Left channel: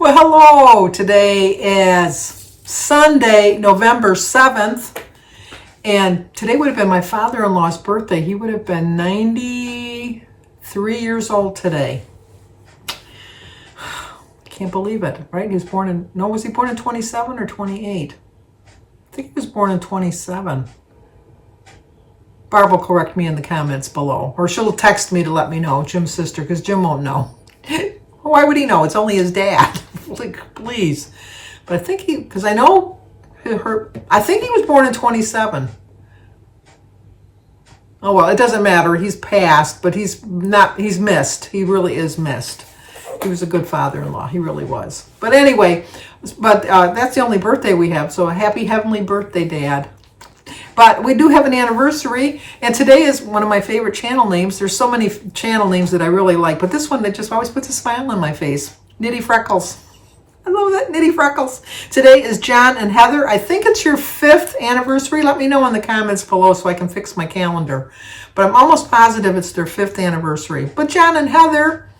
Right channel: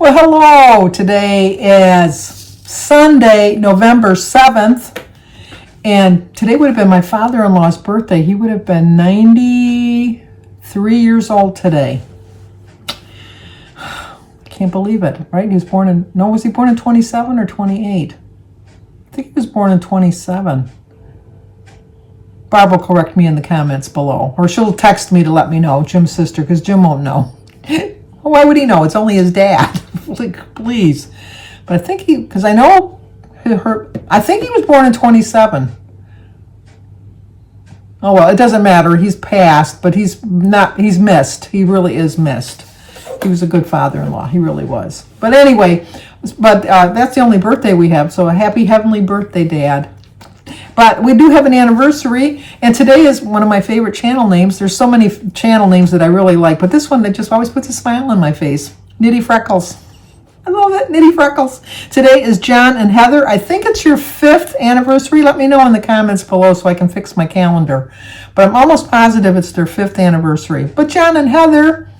Well, hello. Today is Sunday, November 7th, and today would have been my father-in-law's birthday. He would have been 93 years old today. Can't believe it, right? He was born in, no, was he born in 27 or 28? I think he was born in 27. Barb will correct me in the comments below, or she'll text me to let me know, Jim's sister, because Jim won't know. Why would he know? It's only his dad. Like, please. But I think because I know I think he was born in 27. Oh, well, it doesn't matter. He's passed, but he's missed. He really is missed. He was a good father-in-law. He really was. But anyway, that's the only birthday we have. So a happy heavenly birthday, Dad. But we do have an anniversary, and today is one of my favorite channel names. There's so many channel names that I really like, but this one that just always puts a smile on my face. Nitty Freckles. I love that, Nitty Freckles. Today is John and Heather. I think it's your 5th anniversary. Let me know in the comments below so I can fix my calendar. But I'm almost positive it's their 5th anniversary. But John and Heather,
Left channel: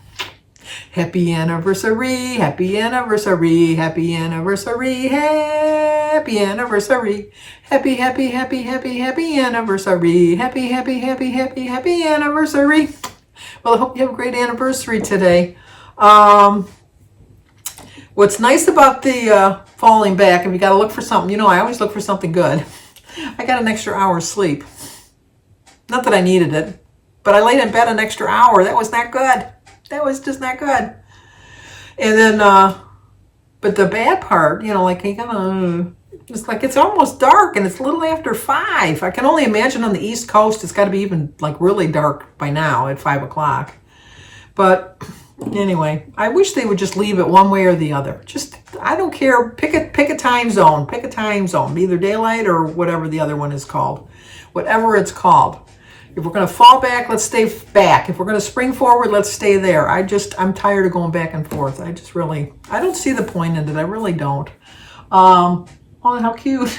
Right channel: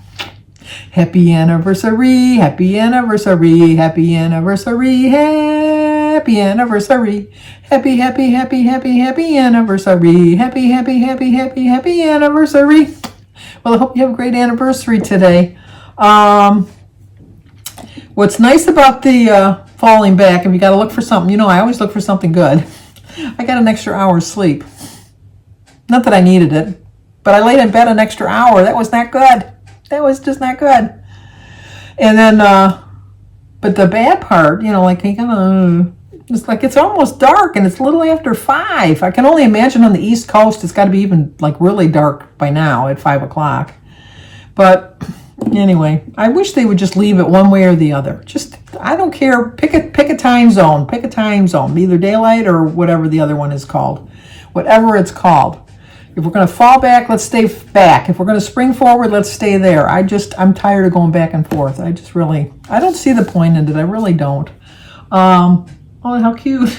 happy anniversary, happy anniversary, happy anniversary, happy anniversary. Happy, happy, happy, happy, happy anniversary. Happy, happy, happy, happy, happy anniversary. Well, I hope you have a great anniversary today. What's nice about the falling back, if you got to look for something, you know, I always look for something good. I got an extra hour's sleep. Not that I needed it, but I laid in bed an extra hour. That was not good. That was just not good. And then, but the bad part, you know, like, it's like it's almost dark and it's a little after 5. I can only imagine on the East Coast it's got to be even like really dark by now at 5 o'clock. But anyway, I wish they would just leave it one way or the other. Just, I don't care. Pick a time zone. Pick a time zone. Either daylight or whatever the other one is called. Whatever it's called. If we're going to fall back, let's stay back. If we're going to spring forward, let's stay there. I'm tired of going back and forth. I don't see the point in it. I really don't. Oh, how cute.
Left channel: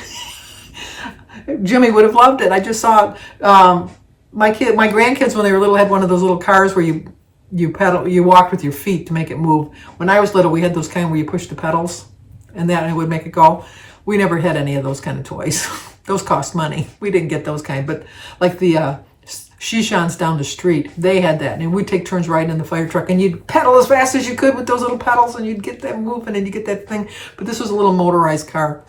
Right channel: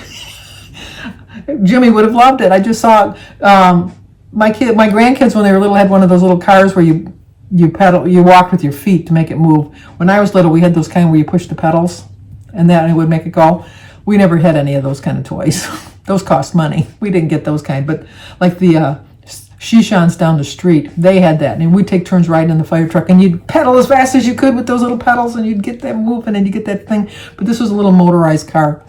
Jimmy would have loved it. I just saw my grandkids when they were little had one of those little cars where you walk with your feet to make it move. When I was little, we had those kind where you push the pedals and then it would make it go. We never had any of those kind of toys. Those cost money. We didn't get those kind, but like the Shishans down the street, they had that, and we'd take turns riding in the fire truck, and you'd pedal as fast as you could with those little pedals, and you'd get them moving, and you get that thing. But this was a little motorized car.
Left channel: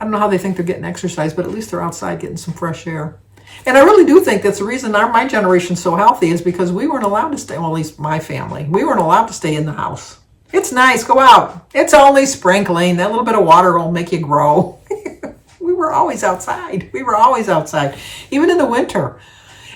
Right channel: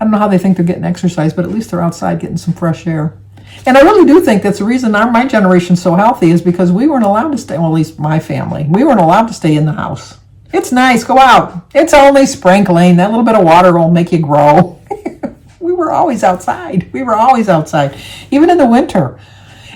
I don't know how they think they're getting exercise, but at least they're outside getting some fresh air. And I really do think that's the reason my generation's so healthy is because we weren't allowed to stay, well, at least my family, we weren't allowed to stay in the house. It's nice, go out. It's only sprinkling. That little bit of water will make you grow. We were always outside. We were always outside, even in the winter.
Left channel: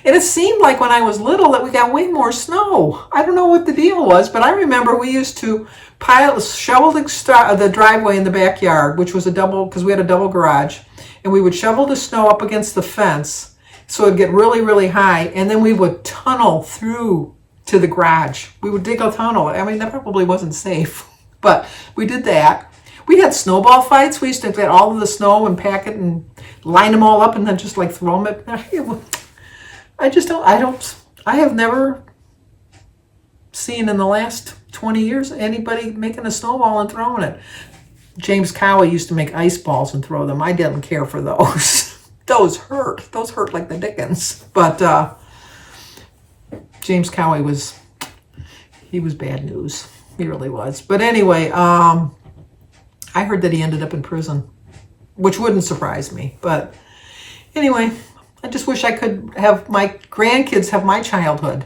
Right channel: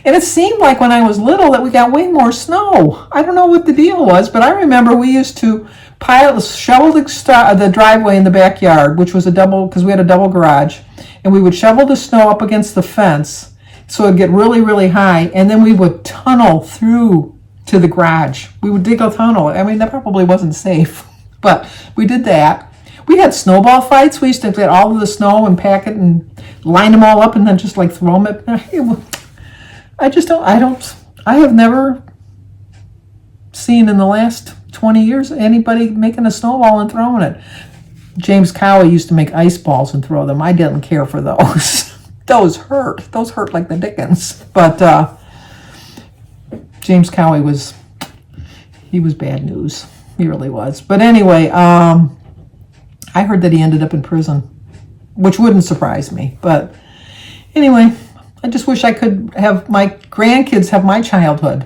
And it seemed like when I was little that we got way more snow. I don't know what the deal was, but I remember we used to shovel the driveway in the backyard, which was because we had a double garage, and we would shovel the snow up against the fence so it'd get really, really high, and then we would tunnel through to the garage. We would dig a tunnel. I mean, that probably wasn't safe, but we did that. We had snowball fights. We used to get all of the snow and pack it and line them all up and then just like throw them I have never seen in the last 20 years anybody making a snowball and throwing it. James Cowie used to make ice balls and throw them. I didn't care for those. Those hurt like the dickens. But James Cowie was bad news. He really was. But anyway, I heard that he ended up in prison, which wouldn't surprise me. But anyway, I just wish I could have my grandkids have my childhood,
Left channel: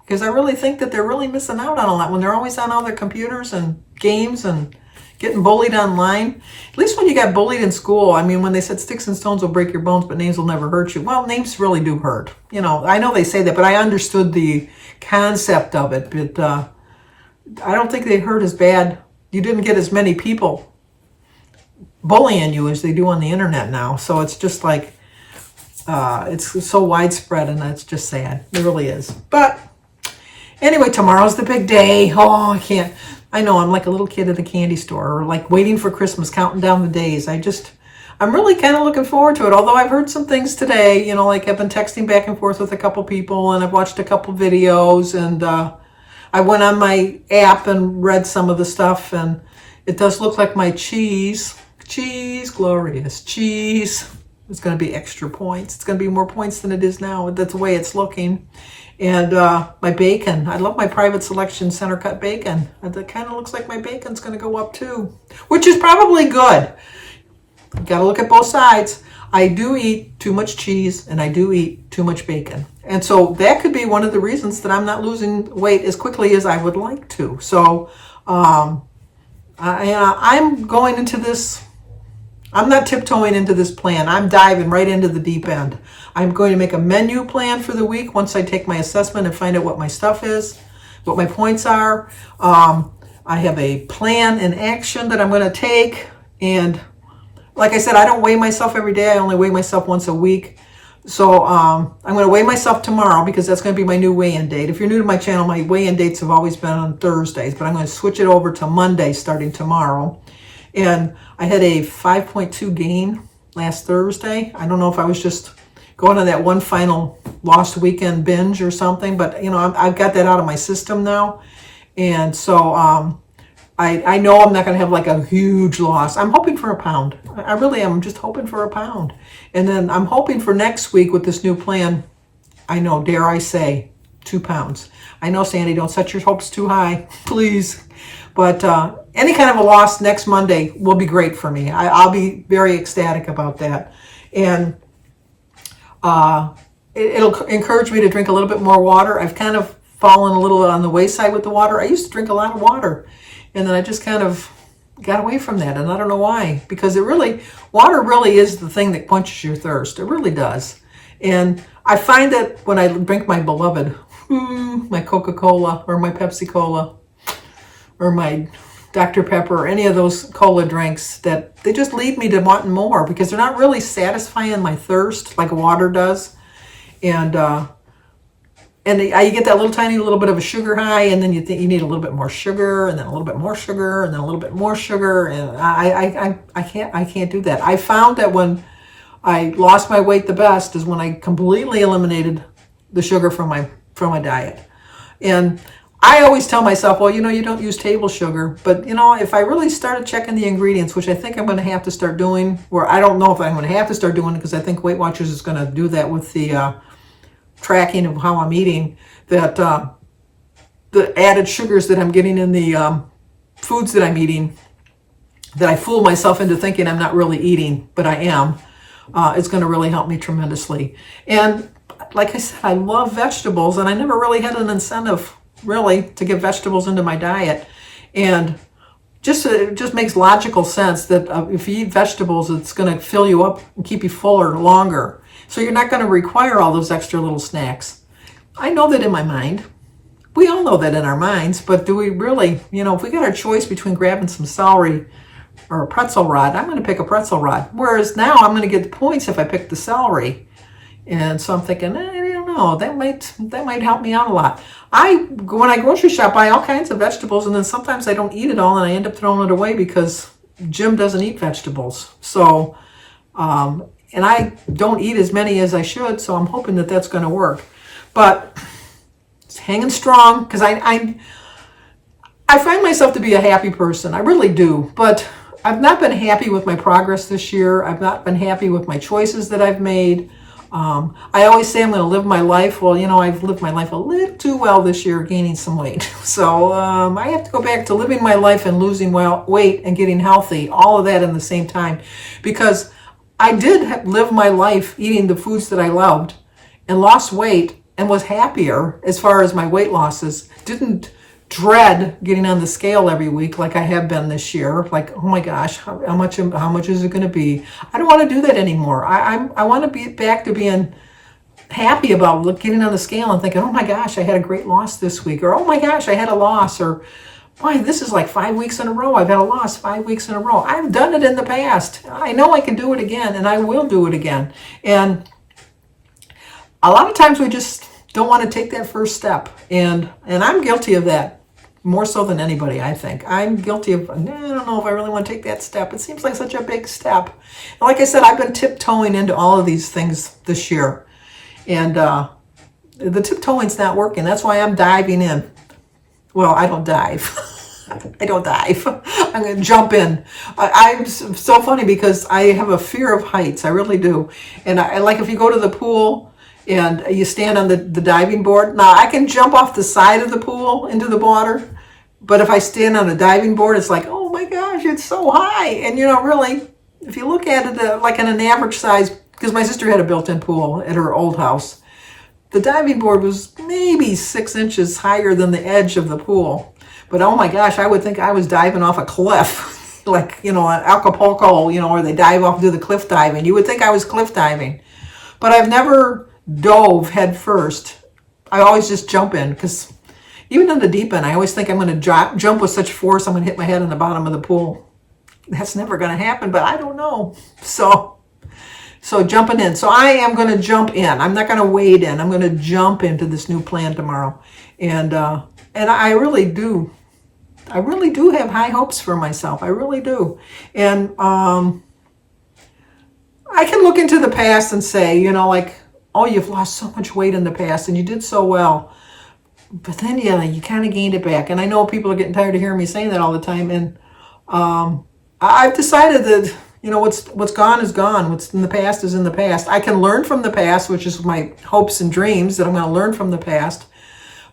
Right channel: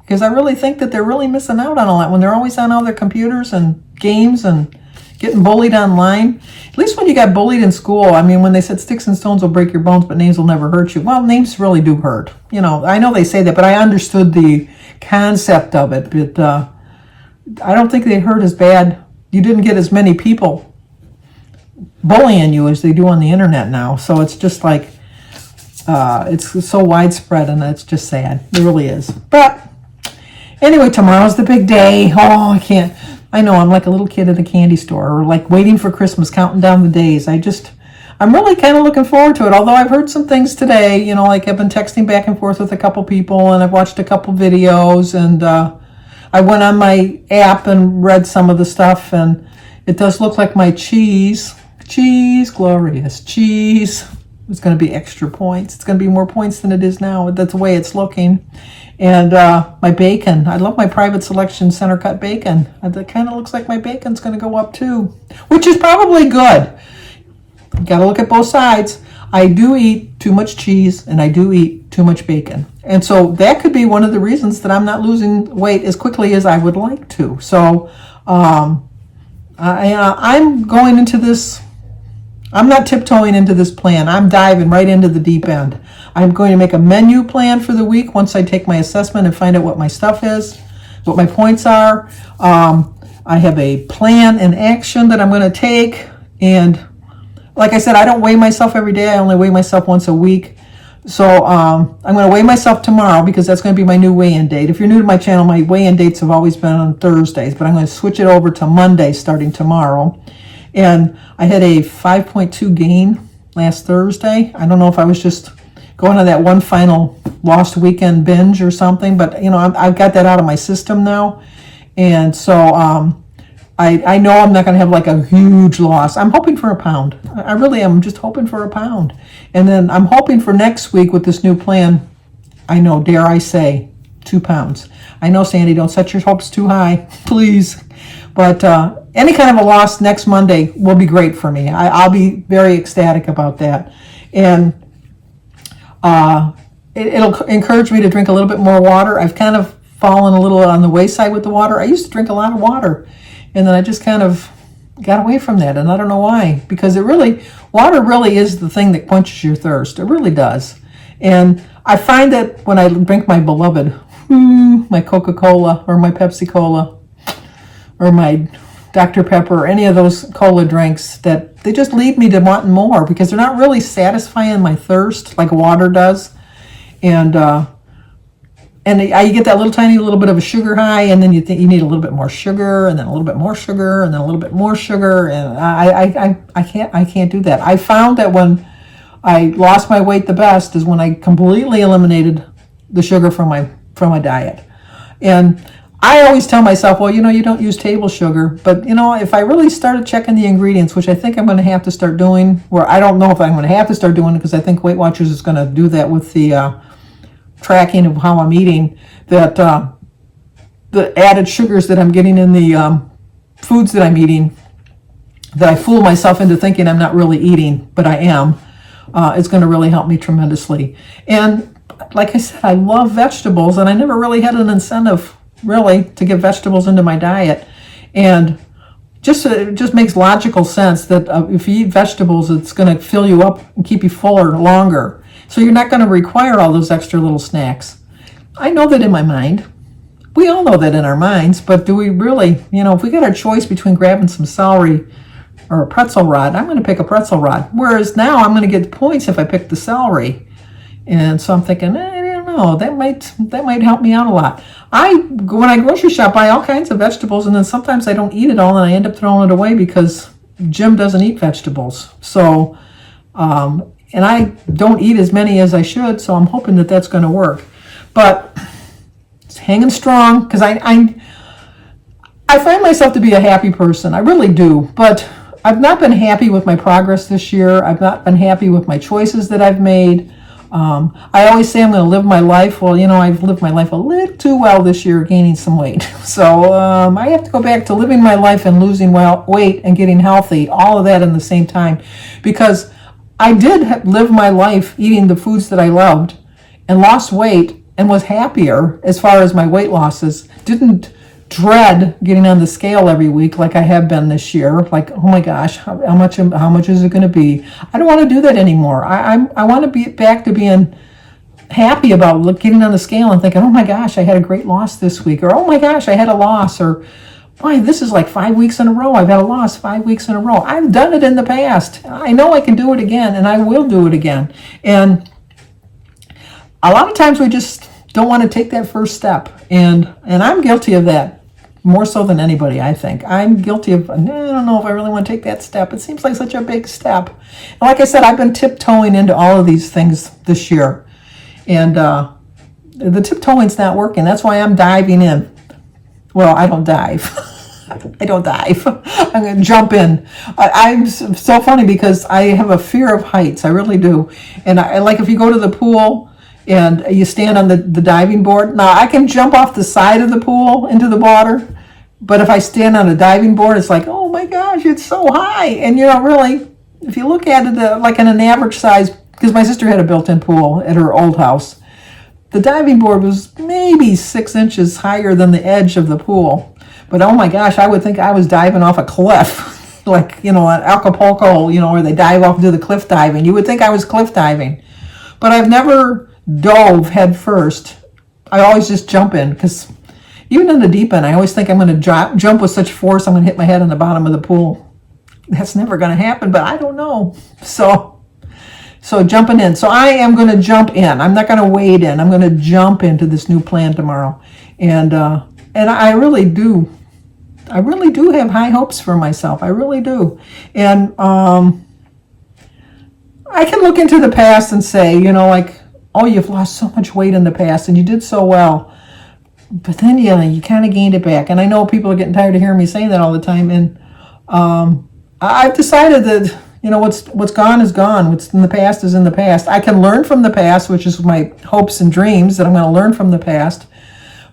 because I really think that they're really missing out on all that when they're always on all their computers and games and getting bullied online. At least when you got bullied in school, I mean, when they said sticks and stones will break your bones, but names will never hurt you. Well, names really do hurt. You know, I know they say that, but I understood the concept of it. But I don't think they hurt as bad. You didn't get as many people bullying you as they do on the internet now. So it's just like, it's so widespread, and it's just sad. It really is. But anyway, tomorrow's the big day. Oh, I know, I'm like a little kid at a candy store, or like waiting for Christmas, counting down the days. I'm really kind of looking forward to it, although I've heard some things today, you know, like I've been texting back and forth with a couple people, and I've watched a couple videos, and I went on my app and read some of the stuff, and It does look like my cheese, glorious cheese, is going to be extra points. It's going to be more points than it is now. That's the way it's looking. And my bacon, I love my private selection center cut bacon. That kind of looks like my bacon's going to go up too, which is probably good. You got to look at both sides. I do eat too much cheese and I do eat too much bacon. And so that could be one of the reasons that I'm not losing weight as quickly as I would like to. So I'm going into this, I'm not tiptoeing into this plan. I'm diving right into the deep end. I'm going to make a menu plan for the week once I take my assessment and find out what my stuff is, what my points are. I have a plan and action that I'm going to take. And like I said, I don't weigh myself every day. I only weigh myself once a week. So I'm going to weigh myself tomorrow because that's going to be my new weigh-in date. If you're new to my channel, my weigh-in dates have always been on Thursdays, but I'm going to switch it over to Monday starting tomorrow. And I had a 5.2 gain last Thursday. I don't know if I was just going on that one final lost weekend binge or something, but you know, I've got that out of my system now. And so I know I'm not going to have like a huge loss. I'm hoping for a pound. I really am just hoping for a pound. And then I'm hoping for next week with this new plan, I know, dare I say, 2 pounds. I know, Sandy, don't set your hopes too high, please. But any kind of a loss next Monday will be great for me. I'll be very ecstatic about that. And it'll encourage me to drink a little bit more water. I've kind of fallen a little on the wayside with the water. I used to drink a lot of water. And then I just kind of got away from that. And I don't know why. Because water really is the thing that quenches your thirst. It really does. And I find that when I drink my beloved, my Coca-Cola or my Pepsi-Cola or my Dr. Pepper or any of those cola drinks, that they just lead me to wanting more because they're not really satisfying my thirst like water does. And you get that tiny little bit of a sugar high, and then you think you need a little bit more sugar, and then a little bit more sugar, and then a little bit more sugar, and I can't do that. I found that when I lost my weight the best is when I completely eliminated the sugar from my diet. And I always tell myself, well, you know, you don't use table sugar, but you know, if I really started checking the ingredients, which I think I'm going to have to start doing, or I don't know if I'm going to have to start doing it because I think Weight Watchers is going to do that with the tracking of how I'm eating, that the added sugars that I'm getting in the foods that I'm eating, that I fool myself into thinking I'm not really eating, but I am, it's going to really help me tremendously. And like I said, I love vegetables, and I never really had an incentive really to get vegetables into my diet. And it just makes logical sense that if you eat vegetables, it's going to fill you up and keep you fuller longer. So you're not going to require all those extra little snacks. I know that in my mind. We all know that in our minds, but do we really, you know, if we got our choice between grabbing some celery or a pretzel rod, I'm going to pick a pretzel rod. Whereas now I'm going to get points if I pick the celery. And so I'm thinking, I don't know, that might help me out a lot. When I grocery shop, buy all kinds of vegetables, and then sometimes I don't eat it all, and I end up throwing it away because Jim doesn't eat vegetables. So, and I don't eat as many as I should, so I'm hoping that that's going to work. But it's hanging strong because I find myself to be a happy person. I really do. But I've not been happy with my progress this year. I've not been happy with my choices that I've made. I always say I'm going to live my life. Well, you know, I've lived my life a little too well this year, gaining some weight. So I have to go back to living my life and losing weight and getting healthy, all of that in the same time. Because I did live my life eating the foods that I loved and lost weight and was happier as far as my weight losses. Didn't dread getting on the scale every week like I have been this year. Like, oh my gosh, how much is it going to be? I don't want to do that anymore. I want to be back to being happy about getting on the scale and thinking, oh my gosh, I had a great loss this week, or oh my gosh, I had a loss, or boy, this is like 5 weeks in a row. I've had a loss 5 weeks in a row. I've done it in the past. I know I can do it again, and I will do it again. And a lot of times we just don't want to take that first step. And I'm guilty of that more so than anybody, I think. I'm guilty of, I don't know if I really want to take that step. It seems like such a big step. And like I said, I've been tiptoeing into all of these things this year. And the tiptoeing's not working. That's why I'm diving in. Well, I don't dive. I don't dive. I'm going to jump in. I'm so funny because I have a fear of heights. I really do. And I like if you go to the pool and you stand on the diving board. Now, I can jump off the side of the pool into the water. But if I stand on a diving board, it's like, oh my gosh, it's so high. And really, if you look at it like in an average size, because my sister had a built-in pool at her old house, the diving board was maybe 6 inches higher than the edge of the pool. But oh my gosh, I would think I was diving off a cliff, like, at Acapulco, where they dive off and do the cliff diving. You would think I was cliff diving. But I've never dove head first. I always just jump in, because even in the deep end, I always think I'm going to jump with such force I'm going to hit my head on the bottom of the pool. That's never going to happen, but I don't know. So jumping in. So I am going to jump in. I'm not going to wade in. I'm going to jump into this new plan tomorrow. And I really do. I really do have high hopes for myself. I really do. And I can look into the past and say, oh, you've lost so much weight in the past and you did so well. But then, you kind of gained it back. And I know people are getting tired of hearing me say that all the time. And I've decided that, what's gone is gone. What's in the past is in the past. I can learn from the past, which is my hopes and dreams, that I'm going to learn from the past.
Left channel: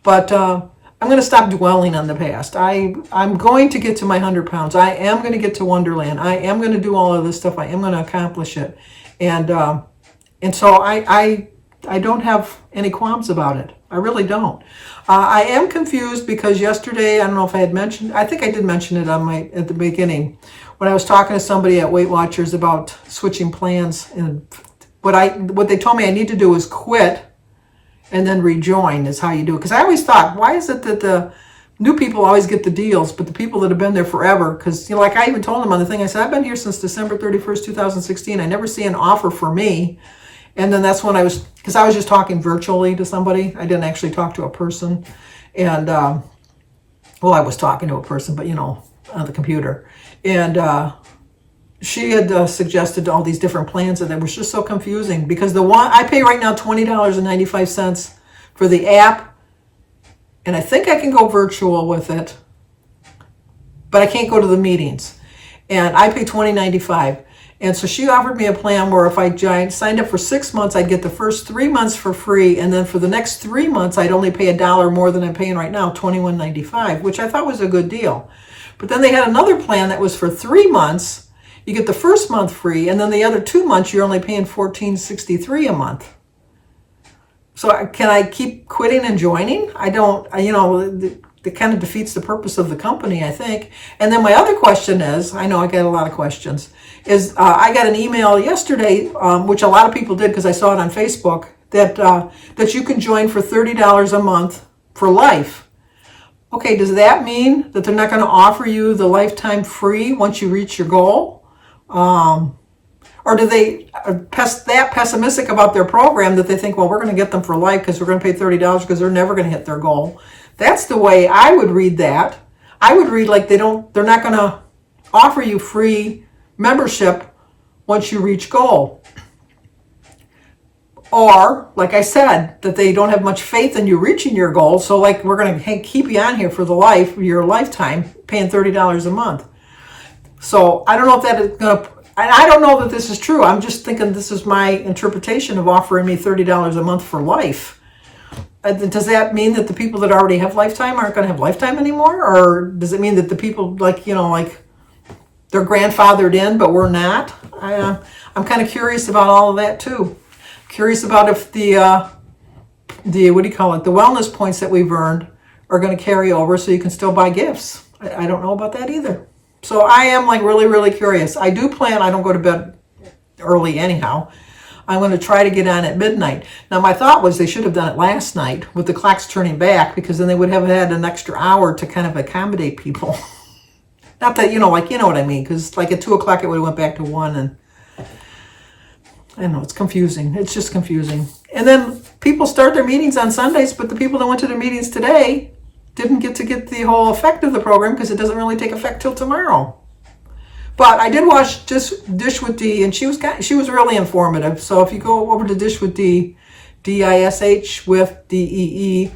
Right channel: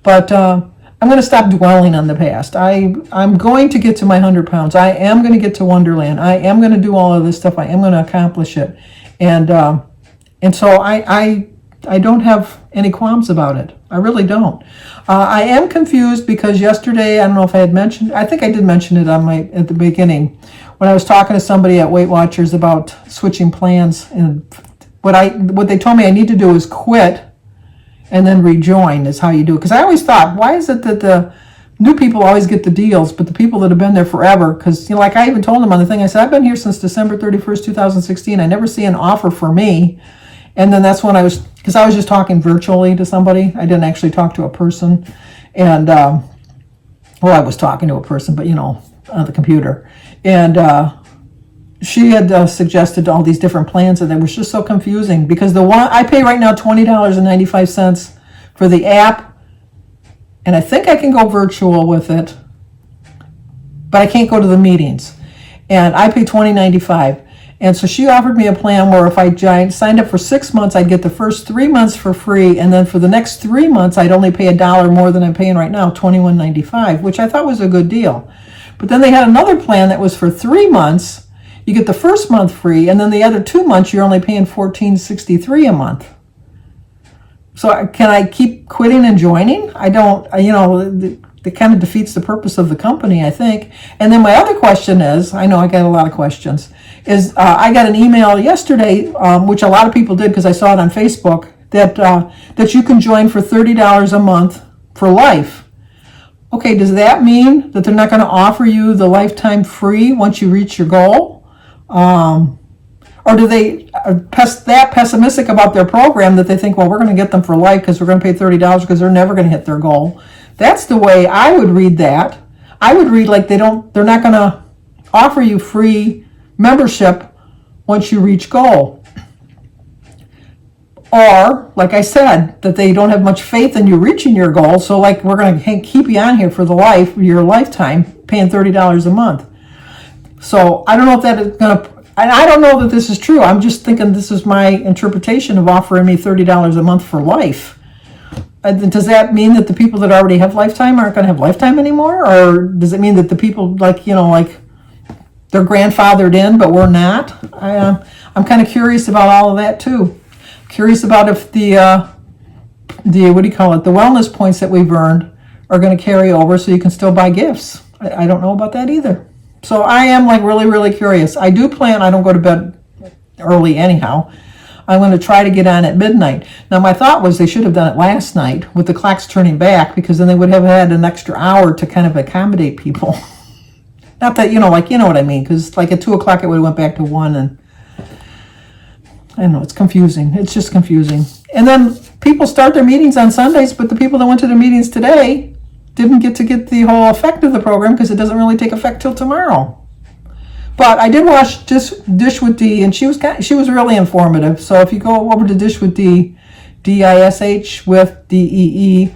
But I'm going to stop dwelling on the past. I'm going to get to my 100 pounds. I am going to get to Wonderland. I am going to do all of this stuff. I am going to accomplish it. And so I don't have any qualms about it. I really don't. I am confused because yesterday, I don't know if I had mentioned, I think I did mention it at the beginning, when I was talking to somebody at Weight Watchers about switching plans, and what they told me I need to do is quit and then rejoin is how you do it. Because I always thought, why is it that the new people always get the deals, but the people that have been there forever, because like I even told them on the thing, I said, I've been here since December 31st, 2016. I never see an offer for me. And then that's when because I was just talking virtually to somebody. I didn't actually talk to a person. And, I was talking to a person, but, on the computer. And she had suggested all these different plans, and it was just so confusing because the one I pay right now $20.95 for the app, and I think I can go virtual with it, but I can't go to the meetings. And I pay $20.95. And so she offered me a plan where if I signed up for 6 months, I'd get the first 3 months for free. And then for the next 3 months, I'd only pay $1 more than I'm paying right now, $21.95, which I thought was a good deal. But then they had another plan that was for 3 months. You get the first month free. And then the other 2 months, you're only paying $14.63 a month. So can I keep quitting and joining? I don't, it kind of defeats the purpose of the company, I think. And then my other question is, I know I got a lot of questions, is I got an email yesterday, which a lot of people did because I saw it on Facebook, that you can join for $30 a month for life. Okay, does that mean that they're not going to offer you the lifetime free once you reach your goal? Or do they that pessimistic about their program that they think, well, we're going to get them for life because we're going to pay $30 because they're never going to hit their goal? That's the way I would read that. I would read like they're not going to offer you free membership once you reach goal. Or, like I said, that they don't have much faith in you reaching your goal, so like we're going to keep you on here for your lifetime, paying $30 a month. So I don't know if that is going to, and I don't know that this is true. I'm just thinking this is my interpretation of offering me $30 a month for life. Does that mean that the people that already have lifetime aren't going to have lifetime anymore? Or does it mean that the people like they're grandfathered in, but we're not? I'm kind of curious about all of that too. Curious about if the wellness points that we've earned are going to carry over so you can still buy gifts. I don't know about that either. So I am really, really curious. I do plan, I don't go to bed early anyhow. I'm going to try to get on at midnight. Now my thought was they should have done it last night with the clocks turning back, because then they would have had an extra hour to kind of accommodate people. Not that, you know what I mean, because at 2 o'clock it would have went back to 1, and I don't know, it's confusing. It's just confusing. And then people start their meetings on Sundays, but the people that went to their meetings today didn't get the whole effect of the program because it doesn't really take effect till tomorrow. But I did watch Dish with D, and she was really informative. So if you go over to Dish with D, DISH with DEE,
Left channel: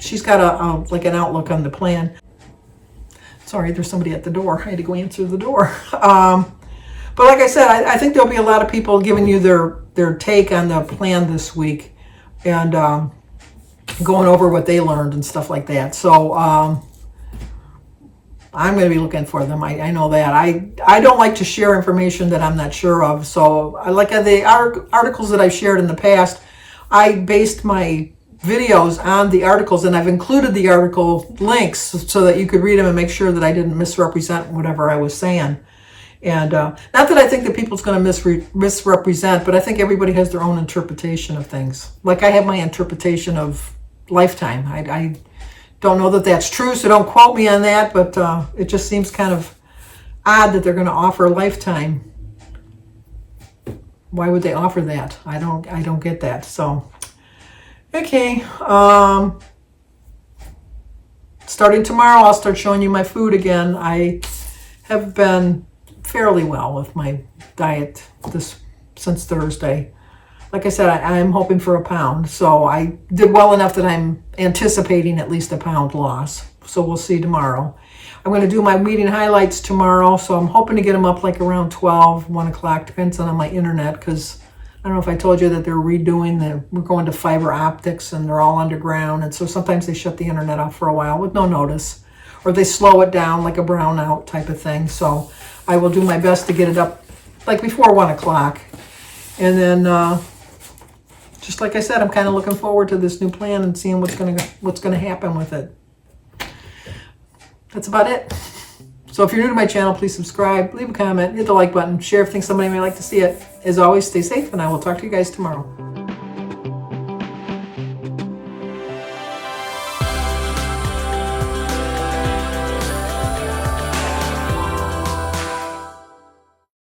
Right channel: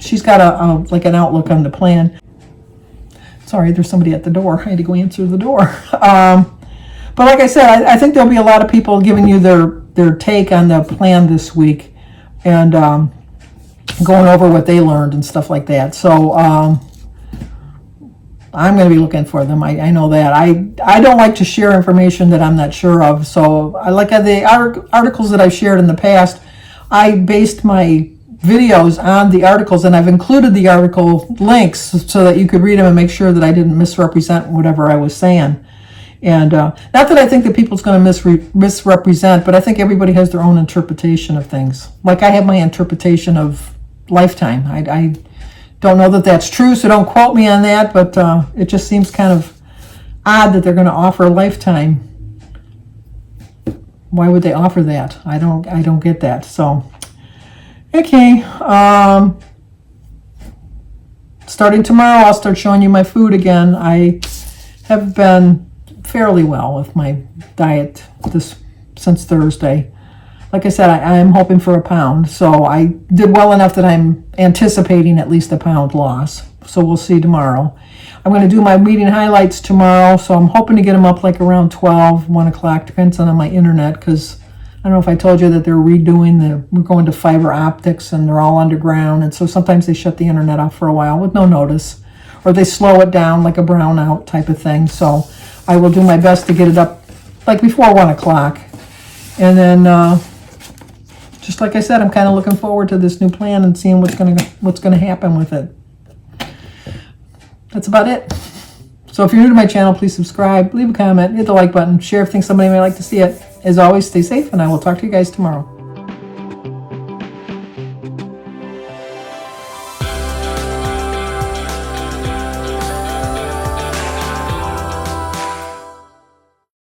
she's got an outlook on the plan. Sorry, there's somebody at the door. I had to go answer the door. But like I said, I think there'll be a lot of people giving you their take on the plan this week and going over what they learned and stuff like that. So I'm going to be looking for them. I know that. I don't like to share information that I'm not sure of. So I like the articles that I've shared in the past. I based my videos on the articles, and I've included the article links so that you could read them and make sure that I didn't misrepresent whatever I was saying. And not that I think that people's going to misrepresent, but I think everybody has their own interpretation of things. Like I have my interpretation of Lifetime. I don't know that that's true, so don't quote me on that, but it just seems kind of odd that they're going to offer Lifetime. Why would they offer that? I don't get that. So, okay. Starting tomorrow, I'll start showing you my food again. I have been fairly well with my diet since Thursday. Like I said, I am hoping for a pound, so I did well enough that I'm anticipating at least a pound loss. So we'll see tomorrow. I'm going to do my meeting highlights tomorrow, so I'm hoping to get them up like around 12, 1 o'clock, depends on my internet, because I don't know if I told you that they're redoing we're going to fiber optics and they're all underground, and so sometimes they shut the internet off for a while with no notice, or they slow it down like a brownout type of thing. So I will do my best to get it up like before 1 o'clock. And then, just like I said, I'm kind of looking forward to this new plan and seeing what's gonna happen with it. That's about it. So if you're new to my channel, please subscribe, leave a comment, hit the like button, share if you think somebody may like to see it. As always, stay safe, and I will talk to you guys tomorrow.